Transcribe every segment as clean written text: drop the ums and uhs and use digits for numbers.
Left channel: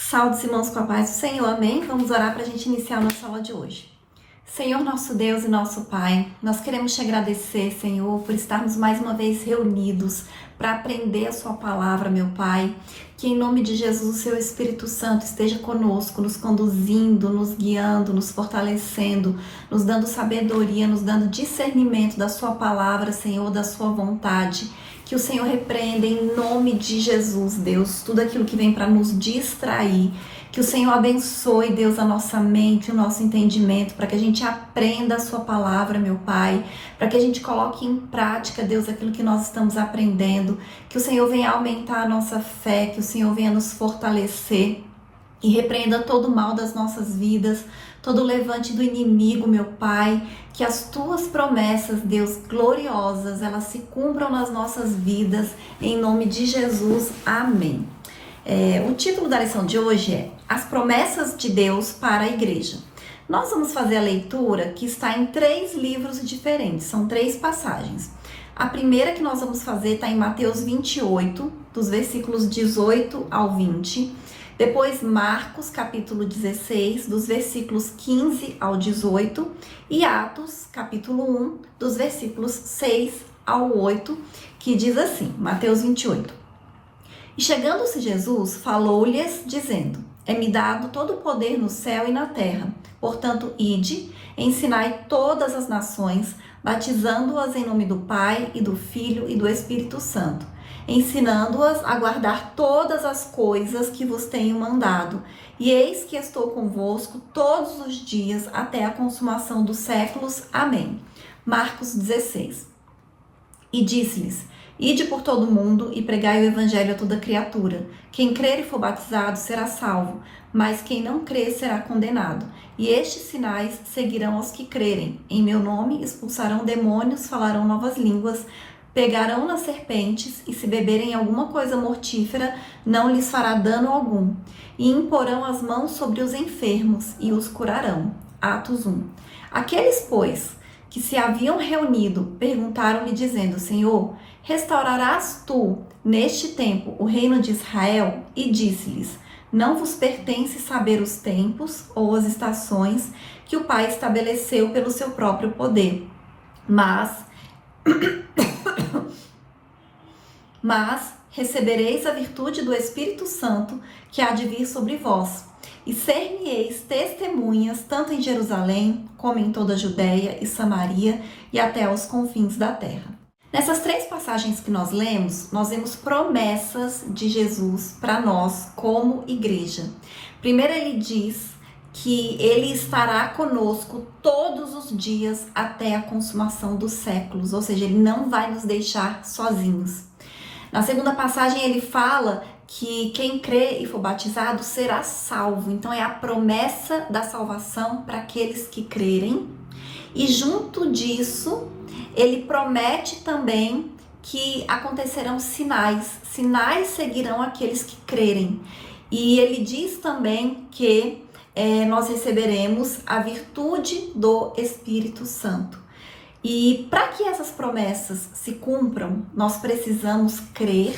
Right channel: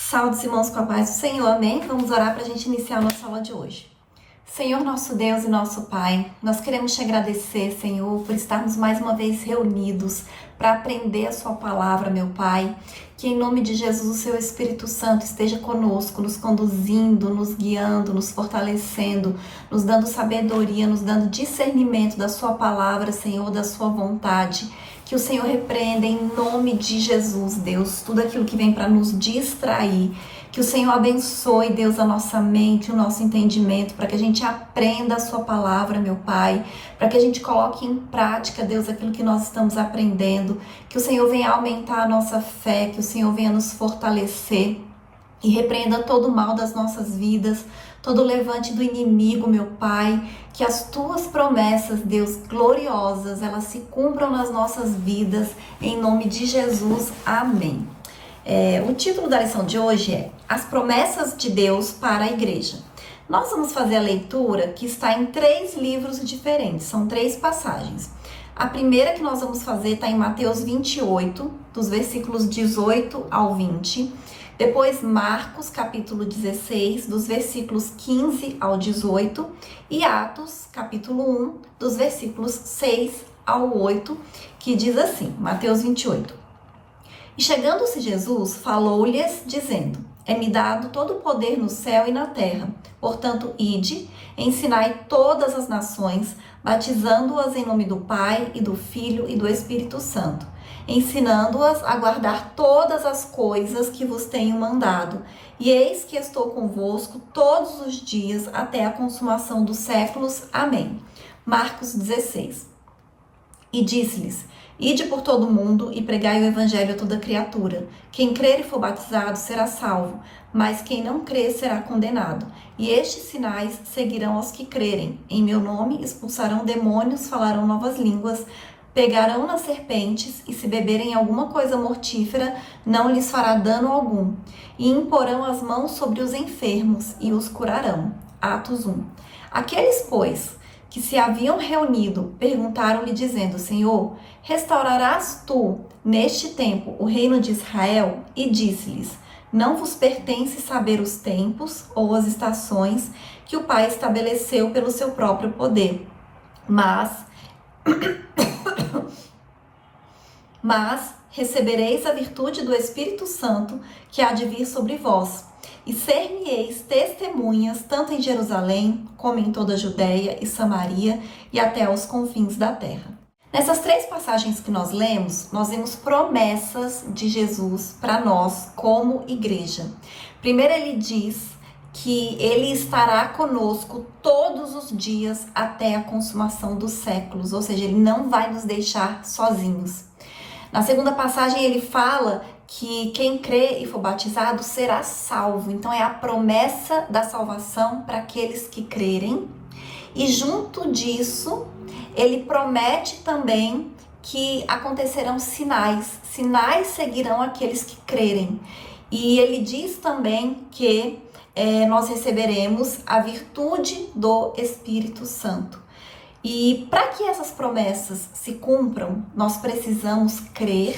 Saúde, irmãos, com a paz do Senhor, amém? Vamos orar para a gente iniciar a nossa aula de hoje. Senhor, nosso Deus e nosso Pai, nós queremos te agradecer, Senhor, por estarmos mais uma vez reunidos para aprender a sua palavra, meu Pai. Que em nome de Jesus o seu Espírito Santo esteja conosco, nos conduzindo, nos guiando, nos fortalecendo, nos dando sabedoria, nos dando discernimento da sua palavra, Senhor, da sua vontade. Que o Senhor repreenda em nome de Jesus, Deus, tudo aquilo que vem para nos distrair. Que o Senhor abençoe, Deus, a nossa mente, o nosso entendimento, para que a gente aprenda a sua palavra, meu Pai, para que a gente coloque em prática, Deus, aquilo que nós estamos aprendendo. Que o Senhor venha aumentar a nossa fé, que o Senhor venha nos fortalecer e repreenda todo o mal das nossas vidas, todo o levante do inimigo, meu Pai. Que as tuas promessas, Deus, gloriosas, elas se cumpram nas nossas vidas, em nome de Jesus, amém. O título da lição de hoje é As Promessas de Deus para a Igreja. Nós vamos fazer a leitura que está em 3 livros diferentes, são 3 passagens. A primeira que nós vamos fazer está em Mateus 28, dos versículos 18 ao 20. Depois Marcos, capítulo 16, dos versículos 15 ao 18. E Atos, capítulo 1, dos versículos 6 ao 8, que diz assim, Mateus 28. E chegando-se Jesus, falou-lhes, dizendo, É-me dado todo o poder no céu e na terra. Portanto, ide, ensinai todas as nações, batizando-as em nome do Pai, e do Filho, e do Espírito Santo, ensinando-as a guardar todas as coisas que vos tenho mandado. E eis que estou convosco todos os dias, até a consumação dos séculos. Amém. Marcos 16. E disse-lhes, Ide por todo o mundo e pregai o evangelho a toda criatura. Quem crer e for batizado será salvo, mas quem não crer será condenado. E estes sinais seguirão aos que crerem. Em meu nome expulsarão demônios, falarão novas línguas, pegarão nas serpentes, e se beberem alguma coisa mortífera, não lhes fará dano algum. E imporão as mãos sobre os enfermos, e os curarão. Atos 1. Aqueles, pois, que se haviam reunido, perguntaram-lhe, dizendo, Senhor, restaurarás tu, neste tempo, o reino de Israel? E disse-lhes, não vos pertence saber os tempos ou as estações que o Pai estabeleceu pelo seu próprio poder. Mas recebereis a virtude do Espírito Santo que há de vir sobre vós. E ser-me-eis testemunhas, tanto em Jerusalém, como em toda a Judéia e Samaria, e até aos confins da terra. Nessas 3 passagens que nós lemos, nós vemos promessas de Jesus para nós como igreja. Primeiro ele diz que ele estará conosco todos os dias até a consumação dos séculos, ou seja, ele não vai nos deixar sozinhos. Na segunda passagem ele fala que quem crê e for batizado será salvo. Então é a promessa da salvação para aqueles que crerem. E junto disso, ele promete também que acontecerão sinais. Sinais seguirão aqueles que crerem. E ele diz também que nós receberemos a virtude do Espírito Santo. E para que essas promessas se cumpram, nós precisamos crer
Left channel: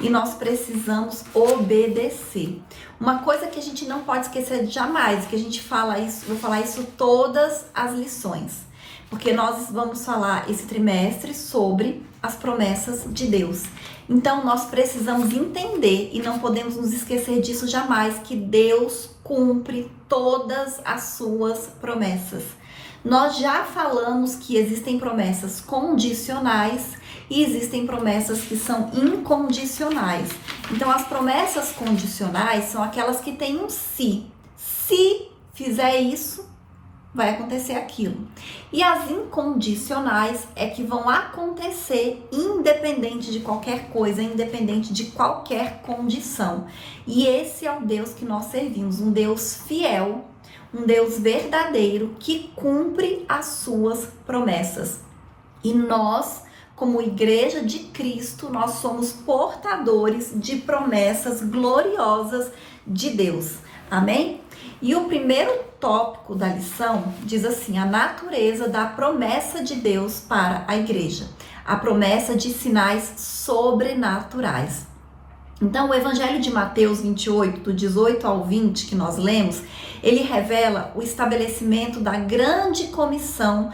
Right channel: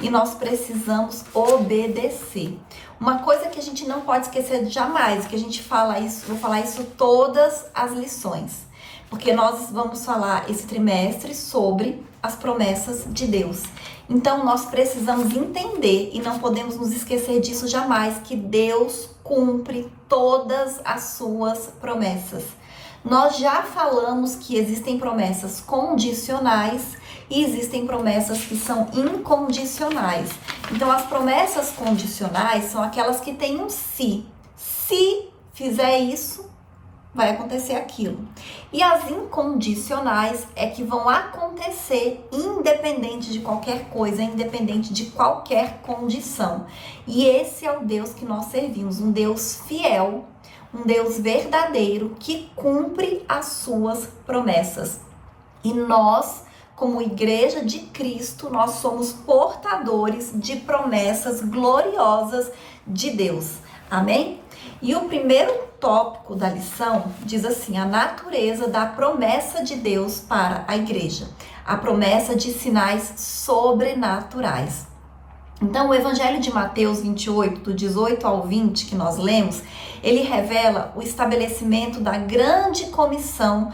e nós precisamos obedecer. Uma coisa que a gente não pode esquecer jamais, que a gente fala isso, vou falar isso todas as lições, porque nós vamos falar esse trimestre sobre as promessas de Deus. Então nós precisamos entender e não podemos nos esquecer disso jamais, que Deus cumpre todas as suas promessas. Nós já falamos que existem promessas condicionais e existem promessas que são incondicionais. Então, as promessas condicionais são aquelas que têm um se. Se fizer isso, vai acontecer aquilo. E as incondicionais é que vão acontecer independente de qualquer coisa, independente de qualquer condição. E esse é o Deus que nós servimos, um Deus fiel, um Deus verdadeiro que cumpre as suas promessas. E nós, como igreja de Cristo, nós somos portadores de promessas gloriosas de Deus. Amém? E o primeiro tópico da lição diz assim, a natureza da promessa de Deus para a igreja. A promessa de sinais sobrenaturais. Então, o Evangelho de Mateus 28, do 18 ao 20, que nós lemos, ele revela o estabelecimento da grande comissão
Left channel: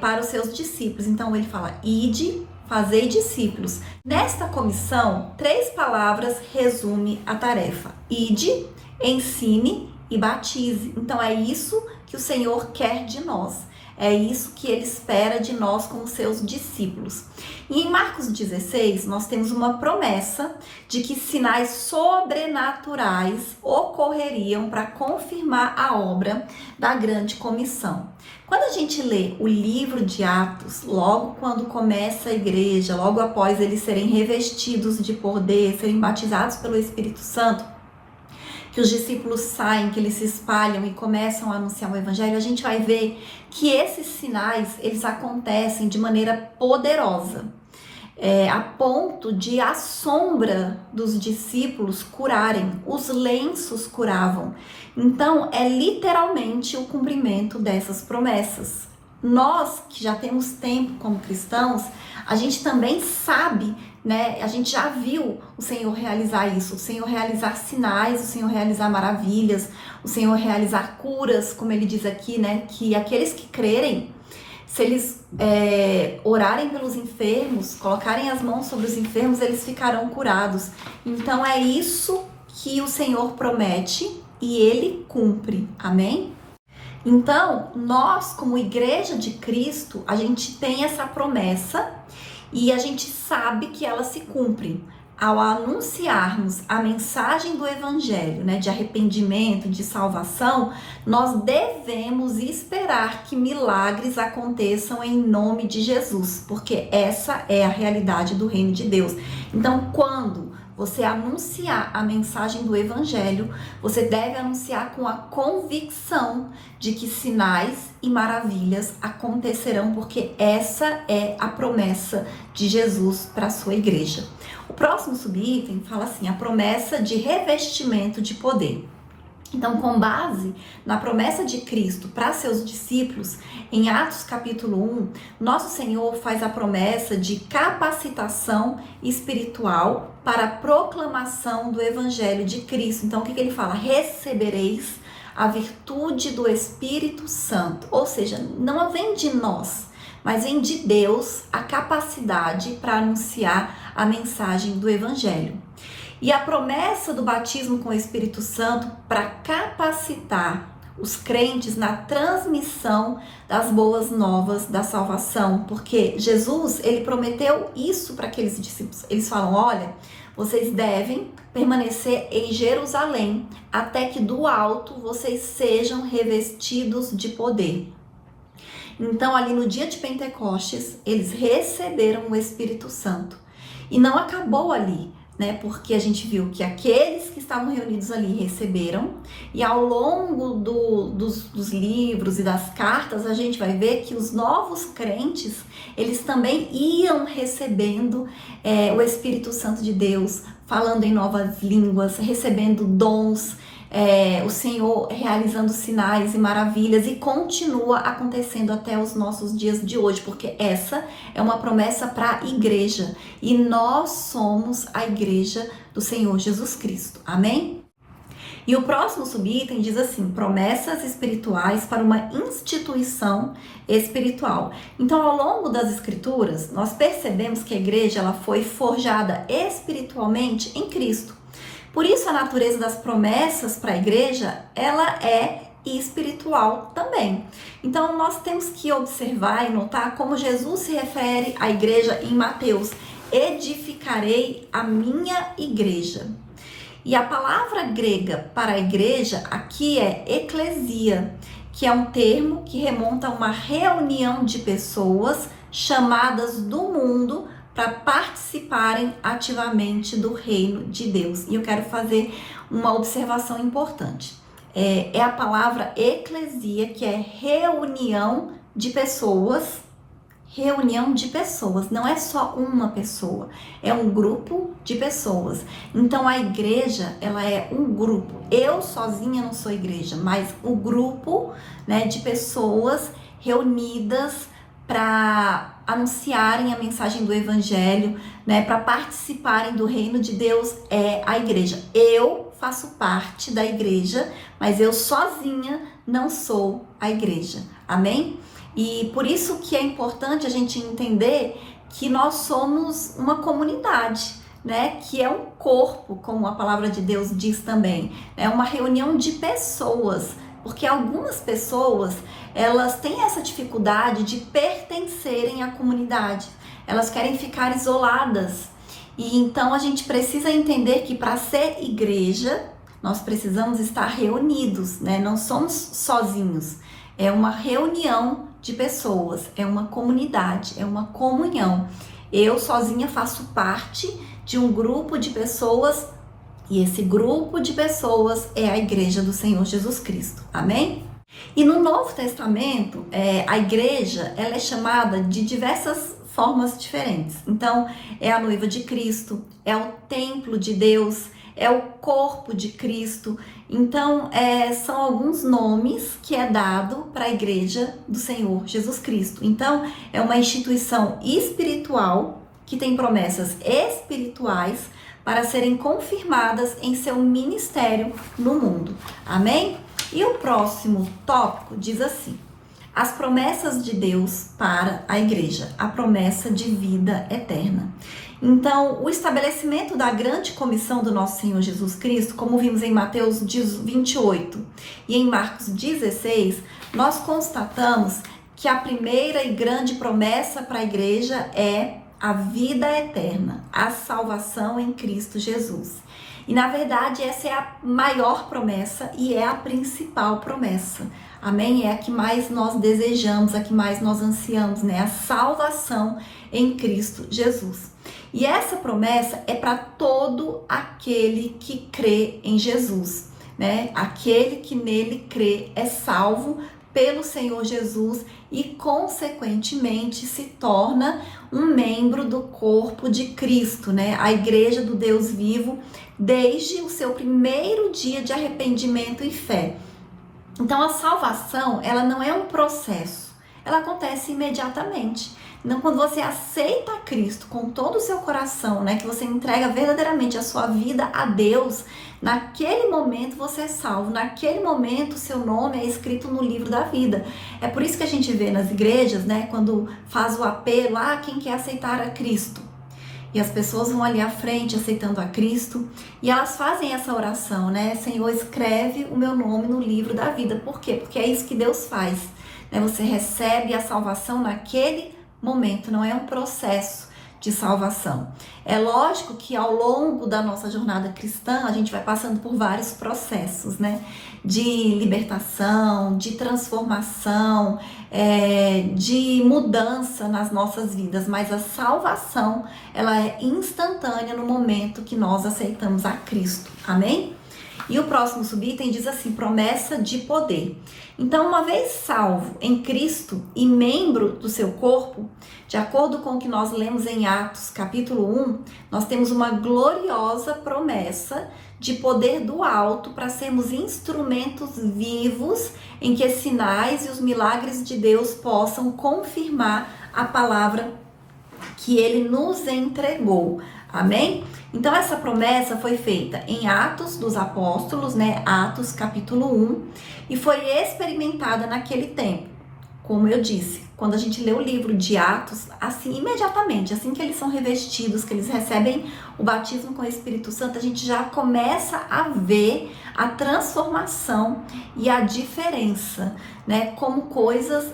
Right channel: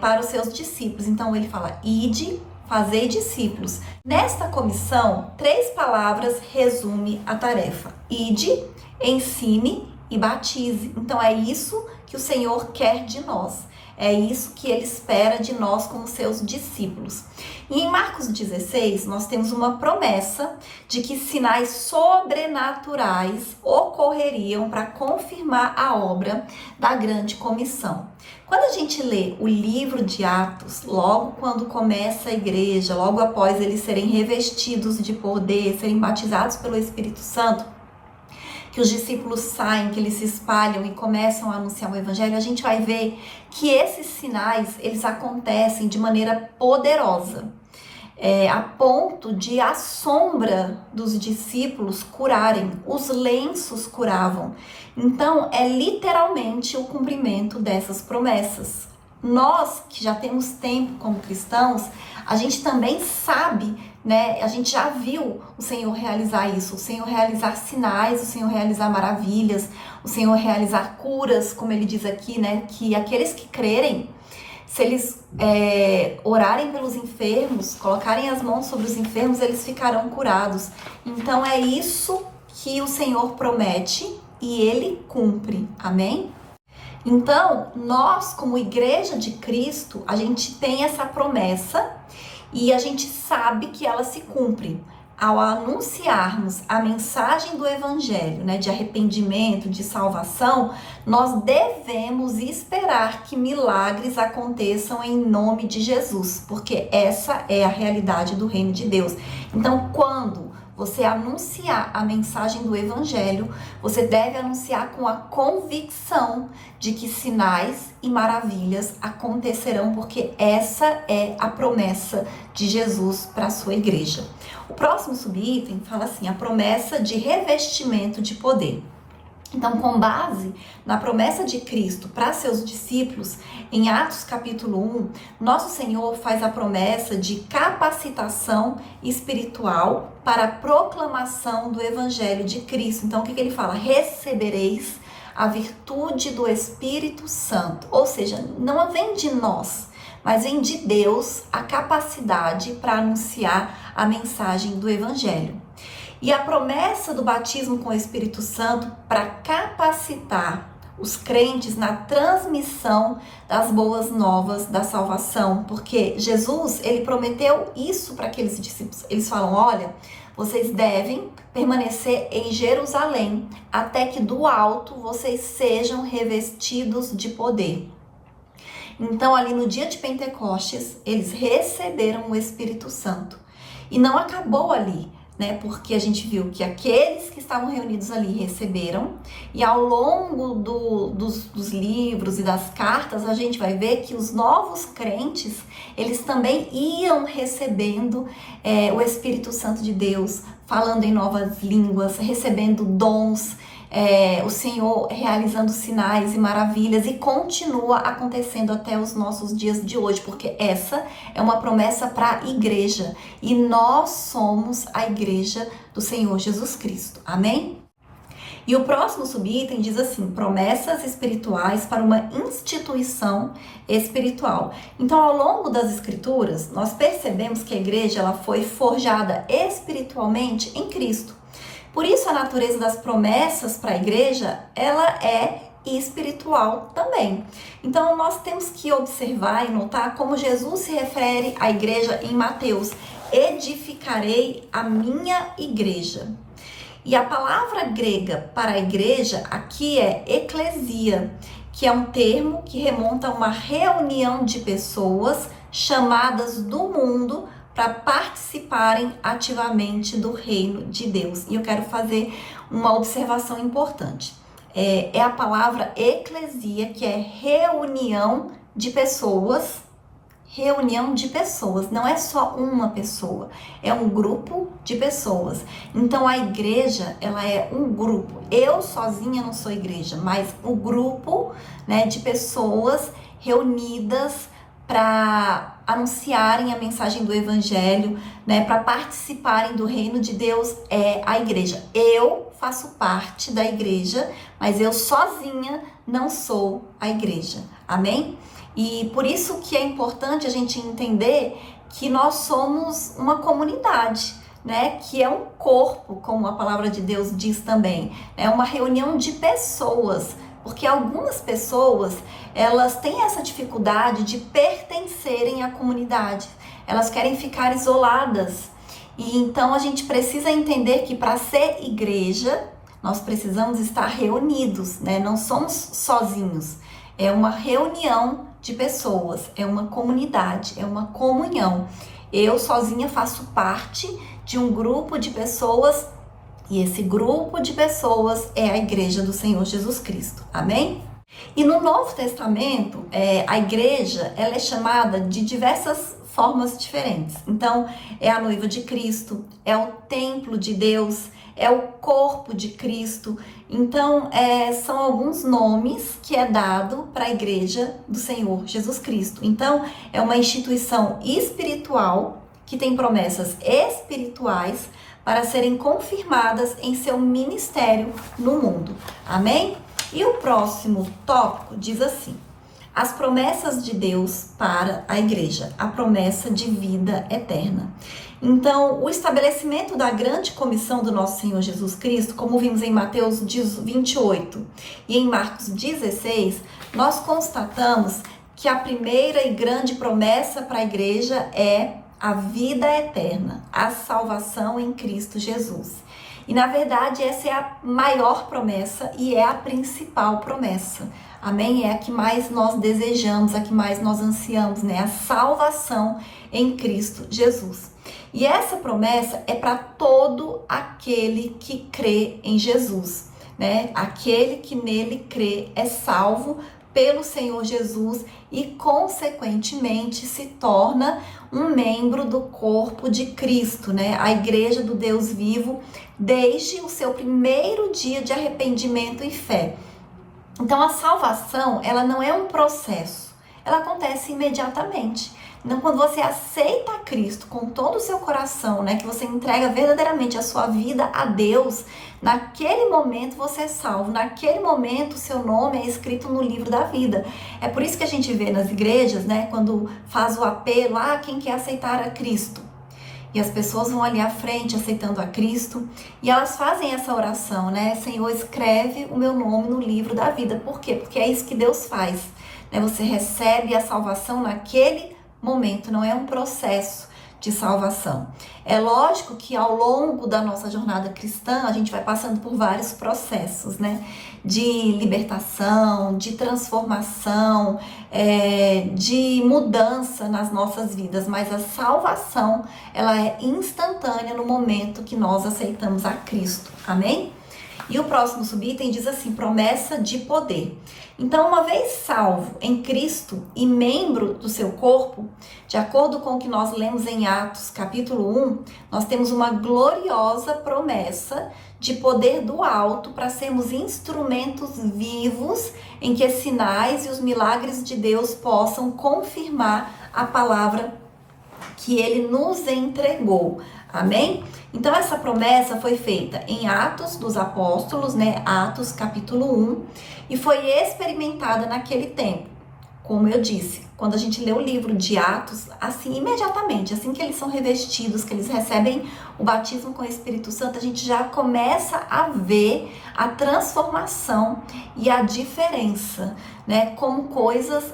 para os seus discípulos. Então, ele fala, ide, fazei discípulos. Nesta comissão, 3 palavras resumem a tarefa. Ide, ensine e batize. Então, é isso que o Senhor quer de nós. É isso que ele espera de nós como seus discípulos. E em Marcos 16, nós temos uma promessa de que sinais sobrenaturais ocorreriam para confirmar a obra da grande comissão. Quando a gente lê o livro de Atos, logo quando começa a igreja, logo após eles serem revestidos de poder, serem batizados pelo Espírito Santo, que os discípulos saem, que eles se espalham e começam a anunciar o evangelho, a gente vai ver que esses sinais, eles acontecem de maneira poderosa, a ponto de a sombra dos discípulos curarem, os lenços curavam. Então, é literalmente o cumprimento dessas promessas. Nós, que já temos tempo como cristãos, a gente também sabe, né? A gente já viu o Senhor realizar isso, o Senhor realizar sinais, o Senhor realizar maravilhas, o Senhor realizar curas, como ele diz aqui, né? Que aqueles que crerem, se eles orarem pelos enfermos, colocarem as mãos sobre os enfermos, eles ficarão curados. Então é isso que o Senhor promete e ele cumpre. Amém? Então, nós, como igreja de Cristo, a gente tem essa promessa e a gente sabe que ela se cumpre. Ao anunciarmos a mensagem do evangelho, né, de arrependimento, de salvação, nós devemos esperar que milagres aconteçam em nome de Jesus, porque essa é a realidade do reino de Deus. Então, quando você anunciar a mensagem do evangelho, você deve anunciar com a convicção de que sinais e maravilhas acontecerão, porque essa é a promessa de Jesus para a sua igreja. O próximo subitem fala assim, a promessa de revestimento de poder. Então, com base na promessa de Cristo para seus discípulos, em Atos capítulo 1, nosso Senhor faz a promessa de capacitação espiritual para a proclamação do Evangelho de Cristo. Então, o que ele fala? Recebereis a virtude do Espírito Santo. Ou seja, não vem de nós, mas vem de Deus a capacidade para anunciar a mensagem do Evangelho. E a promessa do batismo com o Espírito Santo para capacitar os crentes na transmissão das boas novas da salvação, porque Jesus, ele prometeu isso para aqueles discípulos. Eles falam, olha, vocês devem permanecer em Jerusalém até que do alto vocês sejam revestidos de poder. Então, ali no dia de Pentecostes, eles receberam o Espírito Santo. E não acabou ali, né? Porque a gente viu que aqueles que estavam reunidos ali receberam, e ao longo dos livros e das cartas, a gente vai ver que os novos crentes, eles também iam recebendo o Espírito Santo de Deus, falando em novas línguas, recebendo dons, o Senhor realizando sinais e maravilhas, e continua acontecendo até os nossos dias de hoje, porque essa é uma promessa para a igreja, e nós somos a igreja do Senhor Jesus Cristo, amém? E o próximo subitem diz assim, promessas espirituais para uma instituição espiritual. Então, ao longo das escrituras, nós percebemos que a igreja ela foi forjada espiritualmente em Cristo. Por isso, a natureza das promessas para a igreja, ela é espiritual também. Então, nós temos que observar e notar como Jesus se refere à igreja em Mateus. Edificarei a minha igreja. E a palavra grega para a igreja aqui é eclesia, que é um termo que remonta a uma reunião de pessoas chamadas do mundo para participarem ativamente do reino de Deus. E eu quero fazer uma observação importante. É a palavra eclesia, que é reunião de pessoas. Reunião de pessoas, não é só uma pessoa, é um grupo de pessoas. Então a igreja, ela é um grupo. Eu sozinha não sou igreja, mas um grupo, né, de pessoas reunidas para anunciarem a mensagem do evangelho, né, para participarem do reino de Deus é a igreja. Eu faço parte da igreja, mas eu sozinha não sou a igreja. Amém? E por isso que é importante a gente entender que nós somos uma comunidade, né? Que é um corpo, como a palavra de Deus diz também. É uma reunião de pessoas, porque algumas pessoas, elas têm essa dificuldade de pertencerem à comunidade. Elas querem ficar isoladas. E então a gente precisa entender que para ser igreja, nós precisamos estar reunidos, né? Não somos sozinhos. É uma reunião de pessoas, é uma comunidade, é uma comunhão. Eu sozinha faço parte de um grupo de pessoas e esse grupo de pessoas é a igreja do Senhor Jesus Cristo. Amém? E no Novo Testamento, a igreja ela é chamada de diversas formas diferentes. Então, é a noiva de Cristo, é o templo de Deus, é o corpo de Cristo. Então, são alguns nomes que é dado para a igreja do Senhor Jesus Cristo. Então, é uma instituição espiritual que tem promessas espirituais para serem confirmadas em seu ministério no mundo. Amém? E o próximo tópico diz assim: as promessas de Deus para a igreja, a promessa de vida eterna. Então, o estabelecimento da grande comissão do nosso Senhor Jesus Cristo, como vimos em Mateus 28 e em Marcos 16, nós constatamos que a primeira e grande promessa para a igreja é a vida eterna, a salvação em Cristo Jesus. E na verdade essa é a maior promessa e é a principal promessa. Amém? É a que mais nós desejamos, a que mais nós ansiamos, né? A salvação em Cristo Jesus. E essa promessa é para todo aquele que crê em Jesus, né? Aquele que nele crê é salvo pelo Senhor Jesus e consequentemente se torna um membro do corpo de Cristo, né? A igreja do Deus vivo desde o seu primeiro dia de arrependimento e fé. Então a salvação, ela não é um processo, ela acontece imediatamente. Então quando você aceita Cristo com todo o seu coração, né, que você entrega verdadeiramente a sua vida a Deus, naquele momento você é salvo, naquele momento o seu nome é escrito no livro da vida. É por isso que a gente vê nas igrejas, né, quando faz o apelo, quem quer aceitar a Cristo? E as pessoas vão ali à frente aceitando a Cristo e elas fazem essa oração, né? Senhor, escreve o meu nome no livro da vida. Por quê? Porque é isso que Deus faz, né? Você recebe a salvação naquele momento, não é um processo de salvação. É lógico que ao longo da nossa jornada cristã, a gente vai passando por vários processos, né? De libertação, de transformação, de mudança nas nossas vidas, mas a salvação, ela é instantânea no momento que nós aceitamos a Cristo, amém? E o próximo subitem diz assim, promessa de poder. Então, uma vez salvo em Cristo e membro do seu corpo, de acordo com o que nós lemos em Atos capítulo 1, nós temos uma gloriosa promessa de poder do alto para sermos instrumentos vivos em que sinais e os milagres de Deus possam confirmar a palavra que Ele nos entregou. Amém? Então essa promessa foi feita em Atos dos Apóstolos, né? Atos capítulo 1, e foi experimentada naquele tempo. Como eu disse, quando a gente lê o livro de Atos, assim, imediatamente, assim que eles são revestidos, que eles recebem o batismo com o Espírito Santo, a gente já começa a ver a transformação e a diferença, né? Como coisas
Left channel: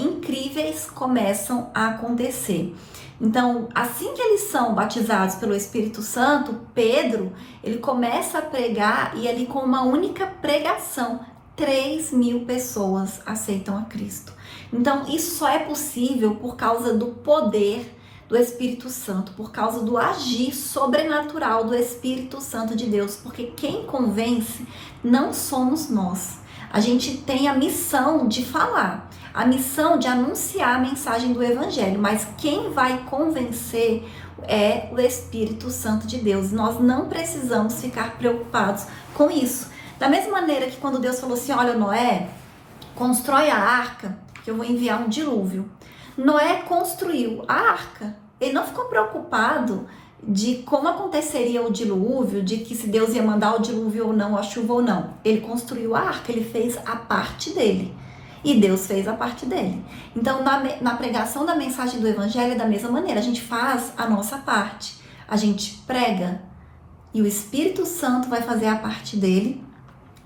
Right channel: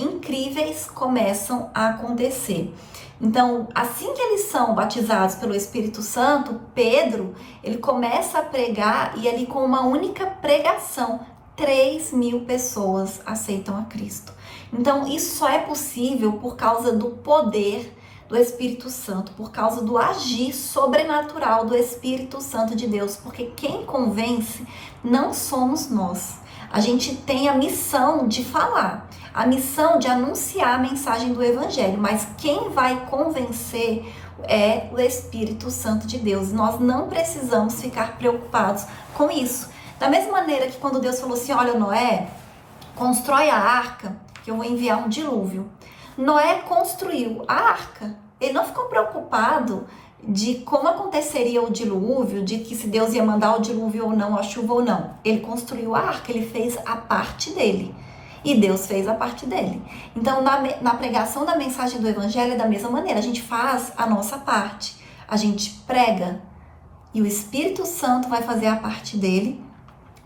incríveis começam a acontecer. Então, assim que eles são batizados pelo Espírito Santo, Pedro, ele começa a pregar e ali com uma única pregação, 3.000 pessoas aceitam a Cristo. Então, isso só é possível por causa do poder do Espírito Santo, por causa do agir sobrenatural do Espírito Santo de Deus, porque quem convence não somos nós. A gente tem a missão de falar, a missão de anunciar a mensagem do Evangelho, mas quem vai convencer é o Espírito Santo de Deus. Nós não precisamos ficar preocupados com isso. Da mesma maneira que quando Deus falou assim, olha Noé, constrói a arca, que eu vou enviar um dilúvio. Noé construiu a arca. Ele não ficou preocupado de como aconteceria o dilúvio, de que se Deus ia mandar o dilúvio ou não, a chuva ou não. Ele construiu a arca, ele fez a parte dele. E Deus fez a parte dele. Então, na pregação da mensagem do Evangelho é da mesma maneira. A gente faz a nossa parte. A gente prega e o Espírito Santo vai fazer a parte dele,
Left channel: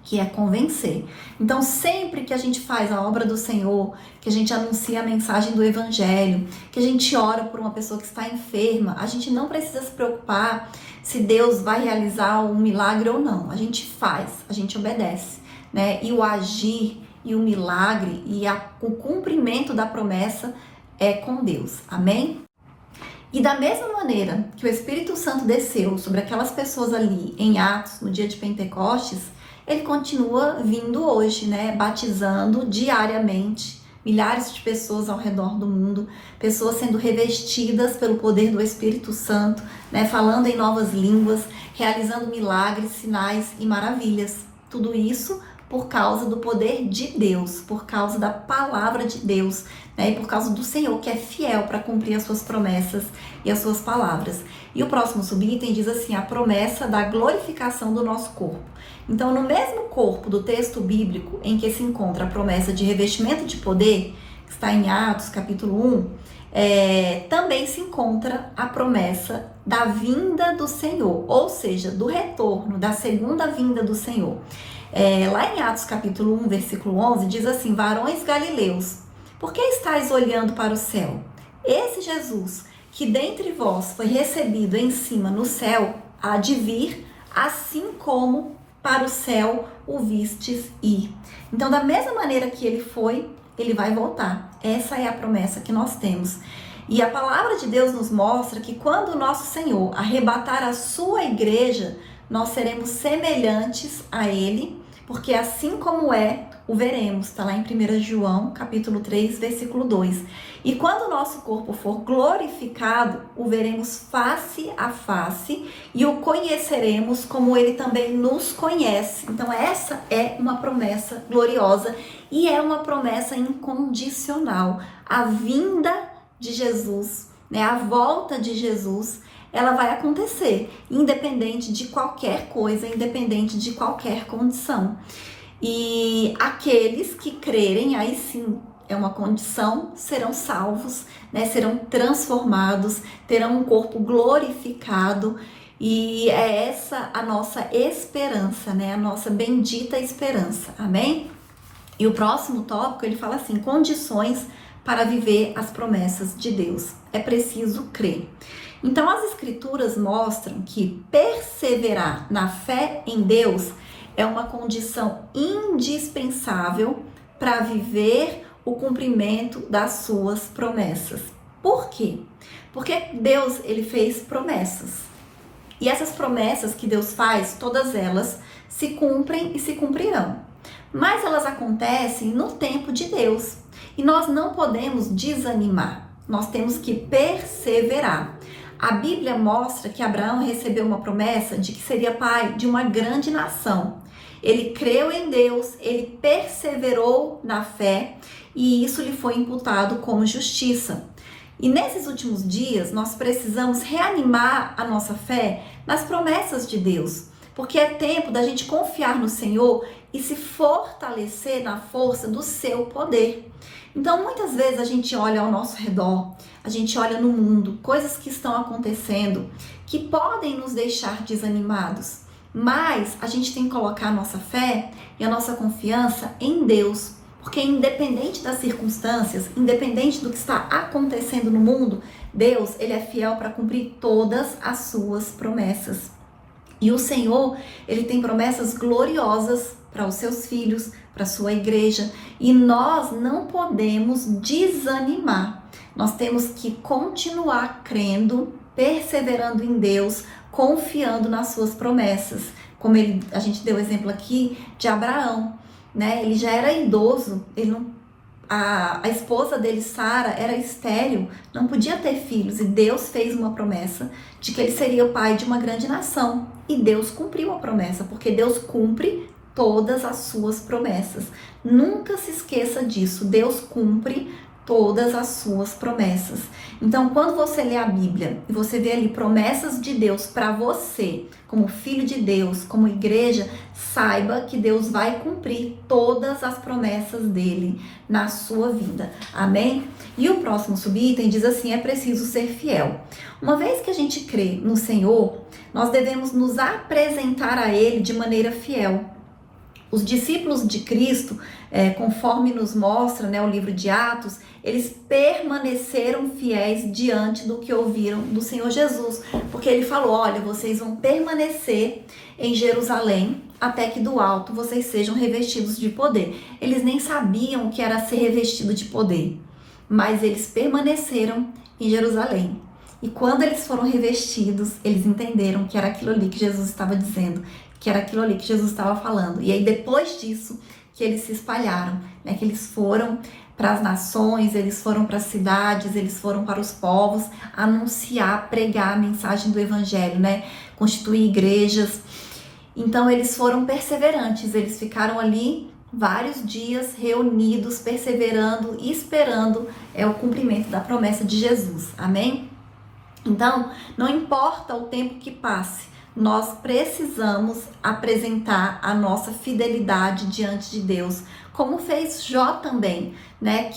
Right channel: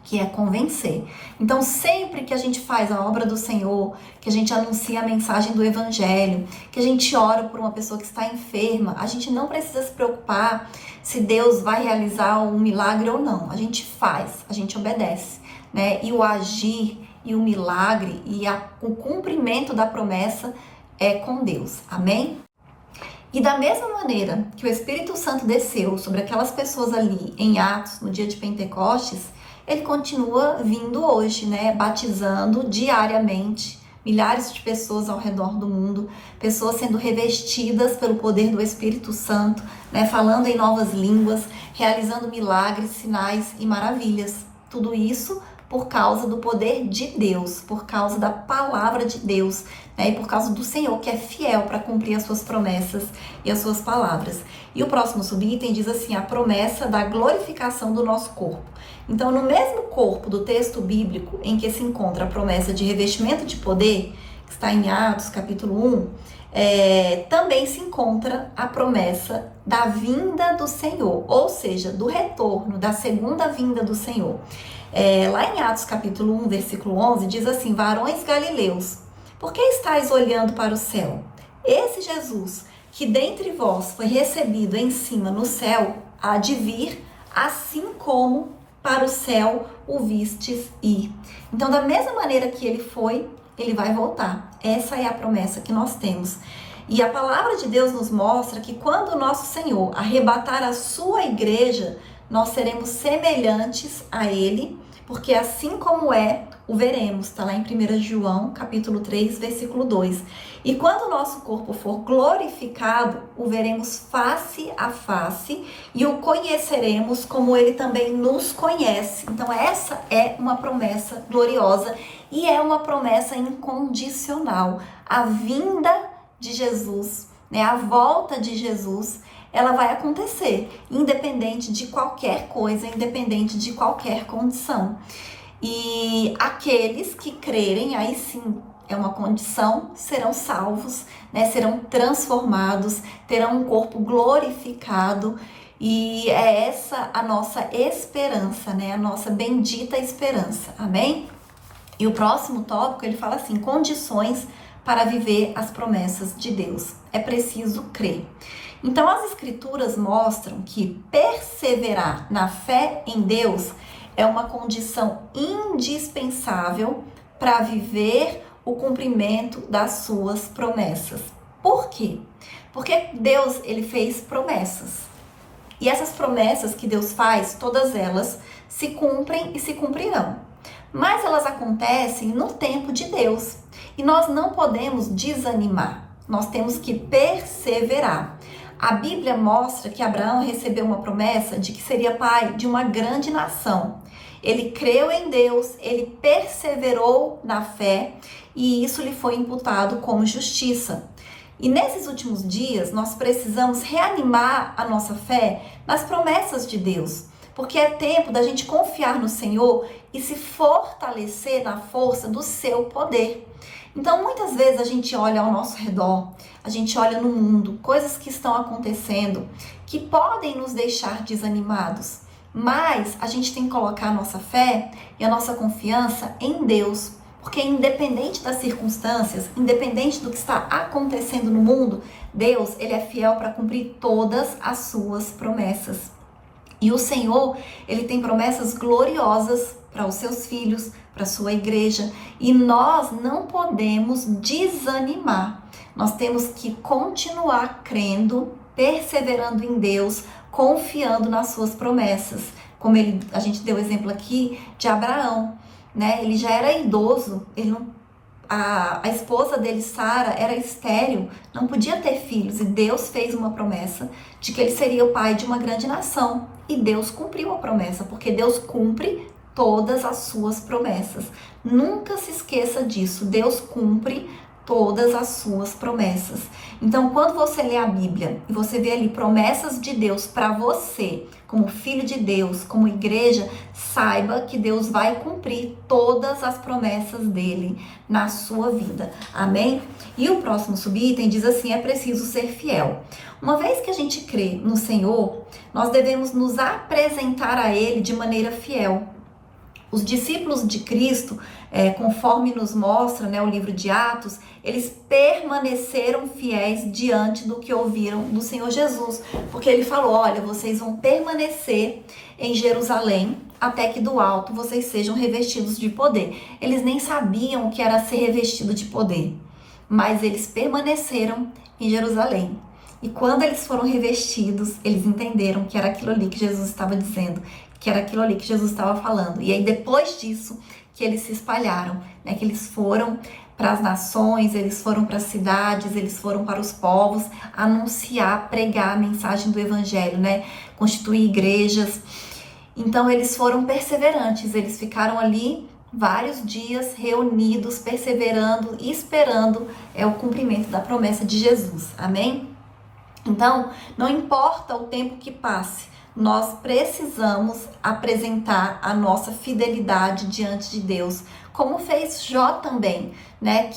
que é convencer. Então, sempre que a gente faz a obra do Senhor, que a gente anuncia a mensagem do Evangelho, que a gente ora por uma pessoa que está enferma, a gente não precisa se preocupar se Deus vai realizar um milagre ou não. A gente faz, a gente obedece, né? E o agir e o milagre e o cumprimento da promessa é com Deus. Amém? E da mesma maneira que o Espírito Santo desceu sobre aquelas pessoas ali em Atos, no dia de Pentecostes, ele continua vindo hoje, né? Batizando diariamente milhares de pessoas ao redor do mundo, pessoas sendo revestidas pelo poder do Espírito Santo, né? Falando em novas línguas, realizando milagres, sinais e maravilhas. Tudo isso por causa do poder de Deus, por causa da palavra de Deus, né? E por causa do Senhor, que é fiel para cumprir as suas promessas e as suas palavras. E o próximo subitem diz assim, a promessa da glorificação do nosso corpo. Então, no mesmo corpo do texto bíblico em que se encontra a promessa de revestimento de poder, que está em Atos, capítulo 1, também se encontra a promessa da vinda do Senhor, ou seja, do retorno, da segunda vinda do Senhor. Lá em Atos capítulo 1, versículo 11, diz assim, varões galileus, por que estáis olhando para o céu? Esse Jesus, que dentre vós foi recebido em cima no céu, há de vir, assim como para o céu o vistes ir. Então, da mesma maneira que ele foi, ele vai voltar. Essa é a promessa que nós temos. E a palavra de Deus nos mostra que quando o nosso Senhor arrebatar a sua igreja, nós seremos semelhantes a ele, porque assim como o veremos. Está lá em 1 João, capítulo 3, versículo 2. E quando o nosso corpo for glorificado, o veremos face a face e o conheceremos como ele também nos conhece. Então essa é uma promessa gloriosa e é uma promessa incondicional. A vinda de Jesus, né, a volta de Jesus, ela vai acontecer, independente de qualquer coisa, independente de qualquer condição. E aqueles que crerem, aí sim, é uma condição, serão salvos, né, serão transformados, terão um corpo glorificado. E é essa a nossa esperança, né, a nossa bendita esperança. Amém? E o próximo tópico, ele fala assim, condições para viver as promessas de Deus. É preciso crer. Então, as escrituras mostram que perseverar na fé em Deus é uma condição indispensável para viver o cumprimento das suas promessas. Por quê? Porque Deus, ele fez promessas. E essas promessas que Deus faz, todas elas se cumprem e se cumprirão. Mas elas acontecem no tempo de Deus. E nós não podemos desanimar. Nós temos que perseverar. A Bíblia mostra que Abraão recebeu uma promessa de que seria pai de uma grande nação. Ele creu em Deus, ele perseverou na fé e isso lhe foi imputado como justiça. E nesses últimos dias, nós precisamos reanimar a nossa fé nas promessas de Deus, porque é tempo da gente confiar no Senhor e se fortalecer na força do seu poder. Então, muitas vezes a gente olha ao nosso redor, a gente olha no mundo, coisas que estão acontecendo que podem nos deixar desanimados, mas a gente tem que colocar a nossa fé e a nossa confiança em Deus, porque independente das circunstâncias, independente do que está acontecendo no mundo, Deus, ele é fiel para cumprir todas as suas promessas. E o Senhor, ele tem promessas gloriosas para os seus filhos, para a sua igreja, e nós não podemos desanimar. Nós temos que continuar crendo, perseverando em Deus, confiando nas suas promessas. Como a gente deu o exemplo aqui de Abraão, né? Ele já era idoso, a esposa dele, Sara, era estéril, não podia ter filhos, e Deus fez uma promessa de que ele seria o pai de uma grande nação. E Deus cumpriu a promessa, porque Deus cumpre todas as suas promessas. Nunca se esqueça disso, Deus cumpre todas as suas promessas. Então, quando você lê a Bíblia e você vê ali promessas de Deus para você, como filho de Deus, como igreja, saiba que Deus vai cumprir todas as promessas dele na sua vida. Amém? E o próximo subitem diz assim: é preciso ser fiel. Uma vez que a gente crê no Senhor, nós devemos nos apresentar a Ele de maneira fiel. Os discípulos de Cristo, conforme nos mostra, o livro de Atos, eles permaneceram fiéis diante do que ouviram do Senhor Jesus, porque ele falou: olha, vocês vão permanecer em Jerusalém até que do alto vocês sejam revestidos de poder. Eles nem sabiam o que era ser revestido de poder, mas eles permaneceram em Jerusalém. E quando eles foram revestidos, eles entenderam que era aquilo ali que Jesus estava dizendo, que era aquilo ali que Jesus estava falando. E aí, depois disso, que eles se espalharam, que eles foram para as nações, eles foram para as cidades, eles foram para os povos anunciar, pregar a mensagem do evangelho, constituir igrejas. Então, eles foram perseverantes, eles ficaram ali vários dias reunidos, perseverando e esperando o cumprimento da promessa de Jesus. Amém? Então, não importa o tempo que passe, nós precisamos apresentar a nossa fidelidade diante de Deus, como fez Jó também,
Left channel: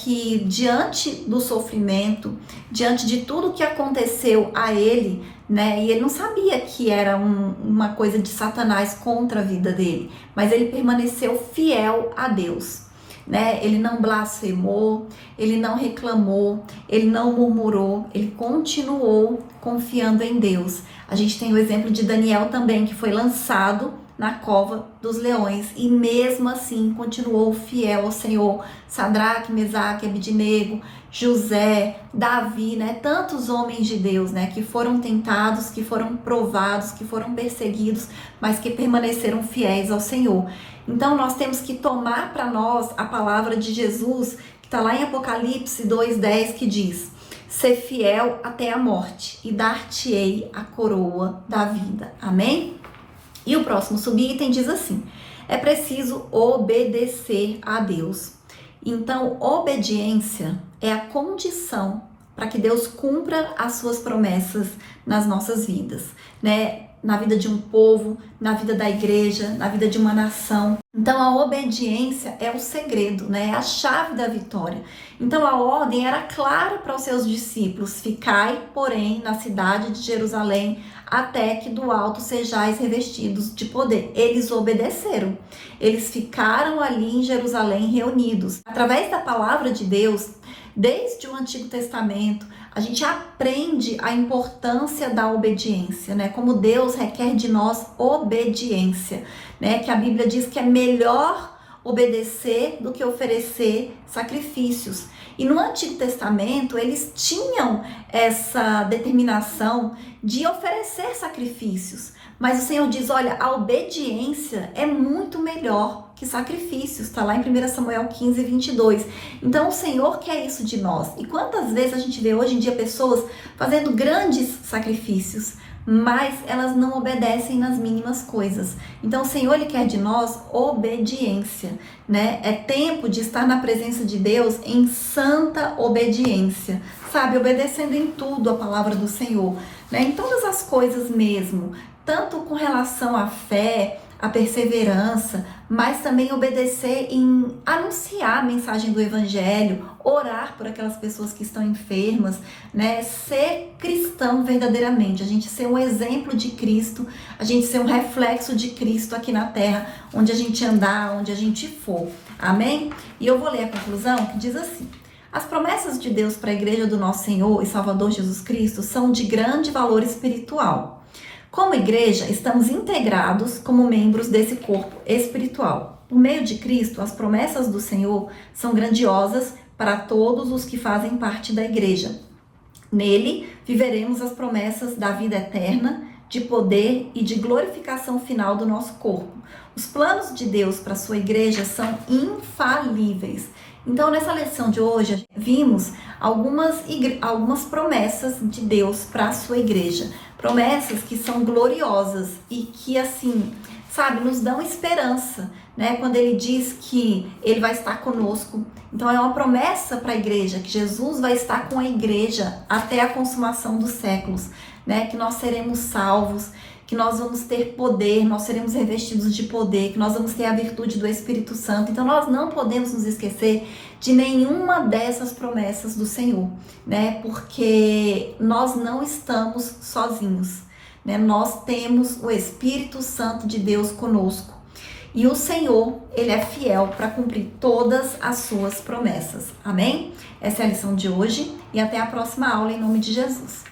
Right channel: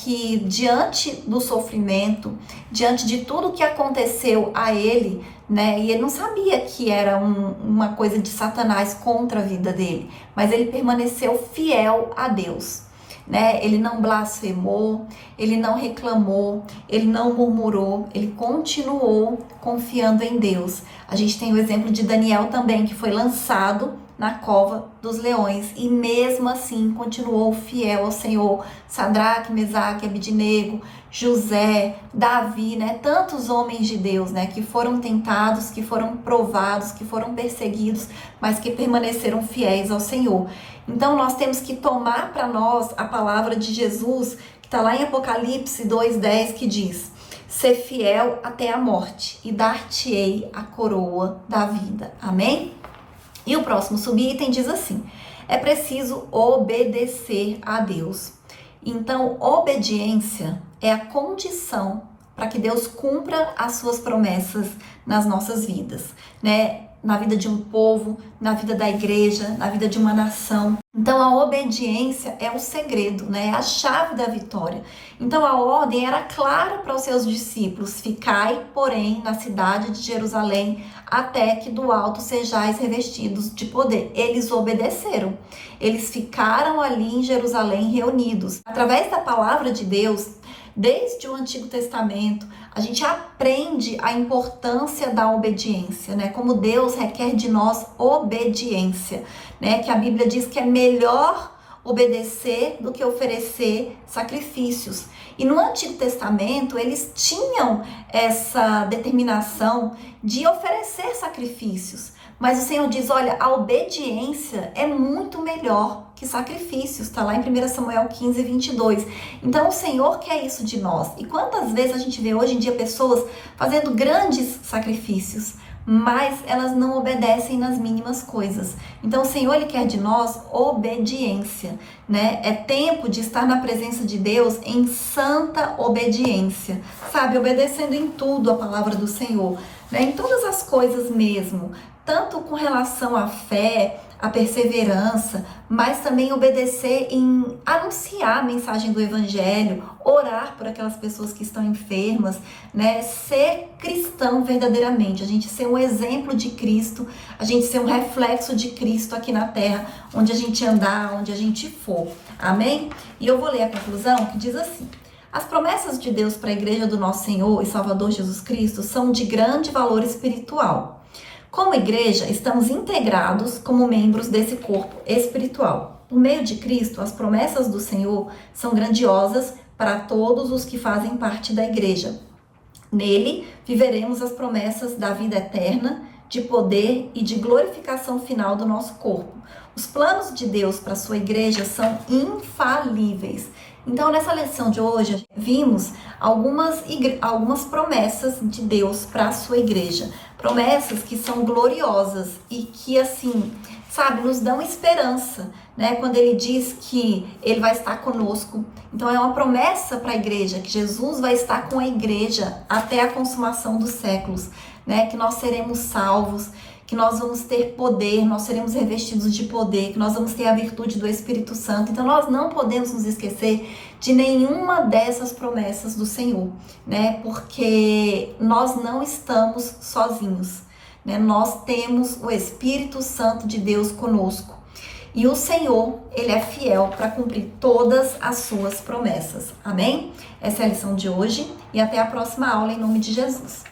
que diante do sofrimento, diante de tudo que aconteceu a ele, e ele não sabia que era uma coisa de Satanás contra a vida dele, mas ele permaneceu fiel a Deus. Ele não blasfemou, ele não reclamou, ele não murmurou, ele continuou confiando em Deus. A gente tem o exemplo de Daniel também, que foi lançado na cova dos leões e mesmo assim continuou fiel ao Senhor. Sadraque, Mesaque, Abidnego, José, Davi, tantos homens de Deus, que foram tentados, que foram provados, que foram perseguidos, mas que permaneceram fiéis ao Senhor. Então nós temos que tomar para nós a palavra de Jesus, que está lá em Apocalipse 2:10, que diz: ser fiel até a morte e dar-te-ei a coroa da vida. Amém? E o próximo subitem diz assim: é preciso obedecer a Deus. Então, obediência é a condição para que Deus cumpra as suas promessas nas nossas vidas, na vida de um povo, na vida da igreja, na vida de uma nação. Então a obediência é o segredo, é a chave da vitória. Então a ordem era clara para os seus discípulos: ficai, porém, na cidade de Jerusalém, até que do alto sejais revestidos de poder. Eles obedeceram, eles ficaram ali em Jerusalém reunidos. Através da palavra de Deus, desde o Antigo Testamento, a gente aprende a importância da obediência, como Deus requer de nós obediência, que a Bíblia diz que é melhor obedecer do que oferecer sacrifícios. E no Antigo Testamento, eles tinham essa determinação de oferecer sacrifícios, mas o Senhor diz: olha, a obediência é muito melhor que sacrifícios, está lá em 1 Samuel 15:22. Então o Senhor quer isso de nós. E quantas vezes a gente vê hoje em dia pessoas fazendo grandes sacrifícios, mas elas não obedecem nas mínimas coisas. Então o Senhor, Ele quer de nós obediência, É tempo de estar na presença de Deus em santa obediência, sabe? Obedecendo em tudo a palavra do Senhor, em todas as coisas mesmo, tanto com relação à fé, a perseverança, mas também obedecer em anunciar a mensagem do evangelho, orar por aquelas pessoas que estão enfermas, ser cristão verdadeiramente, a gente ser um exemplo de Cristo, a gente ser um reflexo de Cristo aqui na terra, onde a gente andar, onde a gente for. Amém? E eu vou ler a conclusão, que diz assim: as promessas de Deus para a igreja do nosso Senhor e Salvador Jesus Cristo são de grande valor espiritual. Como igreja, estamos integrados como membros desse corpo espiritual. Por meio de Cristo, as promessas do Senhor são grandiosas para todos os que fazem parte da igreja. Nele, viveremos as promessas da vida eterna, de poder e de glorificação final do nosso corpo. Os planos de Deus para a sua igreja são infalíveis. Então, nessa lição de hoje, vimos algumas promessas de Deus para a sua igreja. Promessas que são gloriosas e que, assim, sabe, nos dão esperança, né? Quando ele diz que ele vai estar conosco. Então é uma promessa para a igreja, que Jesus vai estar com a igreja até a consumação dos séculos, né? Que nós seremos salvos, que nós vamos ter poder, nós seremos revestidos de poder, que nós vamos ter a virtude do Espírito Santo. Então nós não podemos nos esquecer de nenhuma dessas promessas do Senhor, né? Porque nós não estamos sozinhos, né? Nós temos o Espírito Santo de Deus conosco. E o Senhor, ele é fiel para cumprir todas as suas promessas. Amém? Essa é a lição de hoje e até a próxima aula em nome de Jesus.